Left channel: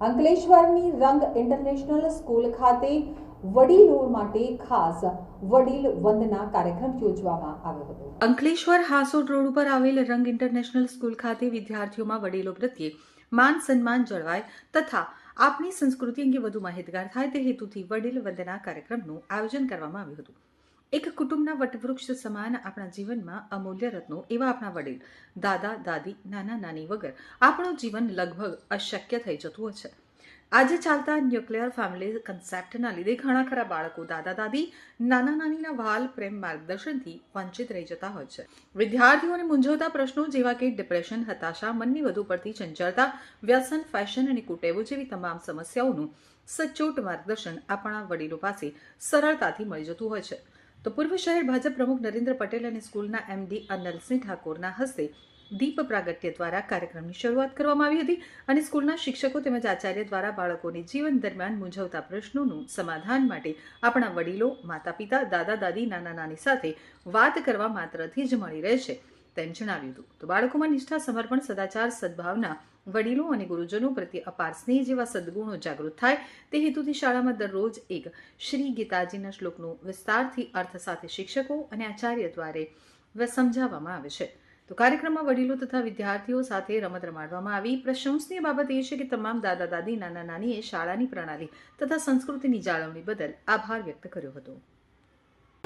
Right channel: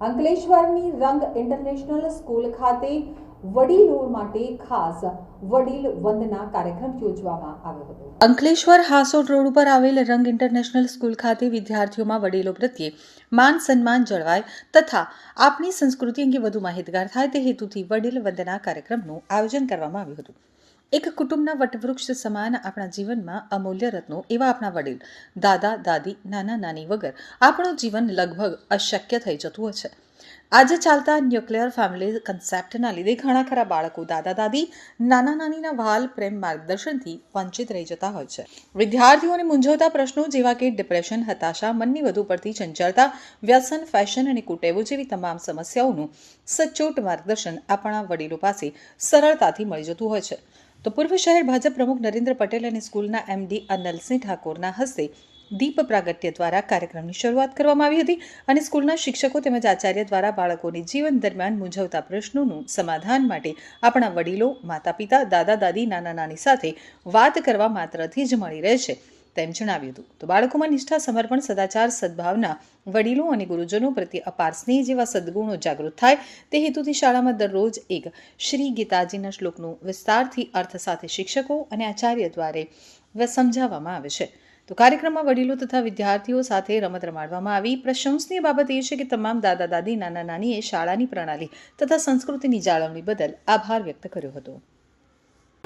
અંકલેશ્વરની રંગ international school ખાતે વડીલો માટે ખાસ વડીલ વંદના કાર્યક્રમ યોજવામાં આવ્યો હતો. અંકલેશ્વર હાસોડ રોડ ઉપર આવેલ રંગ ઇન્ટરનેશનલ સ્કૂલ ખાતે વિદ્યાર્થીઓમાં વડીલો પ્રત્યે માન સન્માન જળવાય તથા આપણી સંસ્કૃતિ અંગે વધુ માહિતગાર થાય તે હેતુથી વડીલ વંદના કાર્યક્રમનું આયોજન કરવામાં આવ્યું હતું. એક કુટુંબના વટવૃક્ષ સમાન આપણા જીવનમાં અમૂલ્ય રત્નો એવા આપણા વડીલ, દાદા, દાદી, નાના, નાની વગર આપણું જીવન લગભગ અશક્ય થઈ જતું હોય છે. આજે ચાલતા ન્યુક્લિયર ફેમિલી કન્સેપ્ટના લીધે ઘણા ખરા બાળકો દાદા, દાદી, નાના, નાનીના વાલ પ્રેમ માર્ગદર્શનથી વંચિત રહી જતા હોય છે. વિદ્યાર્થીઓને મૂંઝવતા પ્રશ્નો જેવા કે ડિપ્રેશન હતાશા, મનની વધુ પડતી ચંચળતા, વ્યસન ફેશન અને કુટેવો જેવી તમામ સમસ્યાઓનું સચોટ માર્ગદર્શન આપણા વડીલો પાસે સરળતાથી મળી જતું હોય છે. તો પૂર્વ શહેર ભાજપ પ્રમુખ નરેન્દ્ર પટેલ અને સ્કૂલના એમડી અનલસિંહ ઠાકોરના હસ્તે દીપ પ્રાગટ્ય દ્વારા કાર્યક્રમની શરૂઆત કરવામાં આવી હતી અને સ્કૂલના શિક્ષકો તેમજ આચાર્ય દ્વારા બાળકોને જીવન દરમિયાન મૂંઝવતા પ્રશ્નોનું સમાધાન માટે આપણા વડીલો માતા પિતા દાદા દાદી નાના નાની સાથે વાત કરવા માત્રથી જ મળી રહે છે. તેમ જણાવ્યું હતું. તો બાળકોમાં નિષ્ઠા, સમર્પણ, સદાચાર, સદભાવના, વડીલો અને ગુરુજનો પ્રત્યે અપાર સ્નેહ જેવા સદ્ગુણો જાગૃત થાય તે હેતુથી શાળામાં દરરોજ એક શ્રી ગીતાજીના શ્લોકનું વિસ્તારથી અર્થ સાથે શિક્ષકો અને આચાર્ય દ્વારા સમજાવવામાં આવે છે. તો કાર્યક્રમમાં વડીલો તથા વિદ્યાર્થીઓ સાથે રમત રમાડવામાં આવી. પ્રશંસનીય બાબત એ છે કે તમામ દાદા દાદી, નાના નાનીએ શાળાની પ્રણાલી તથા સંસ્કૃતિની જાળવણી બદલ આભાર વ્યક્ત કર્યો હતો.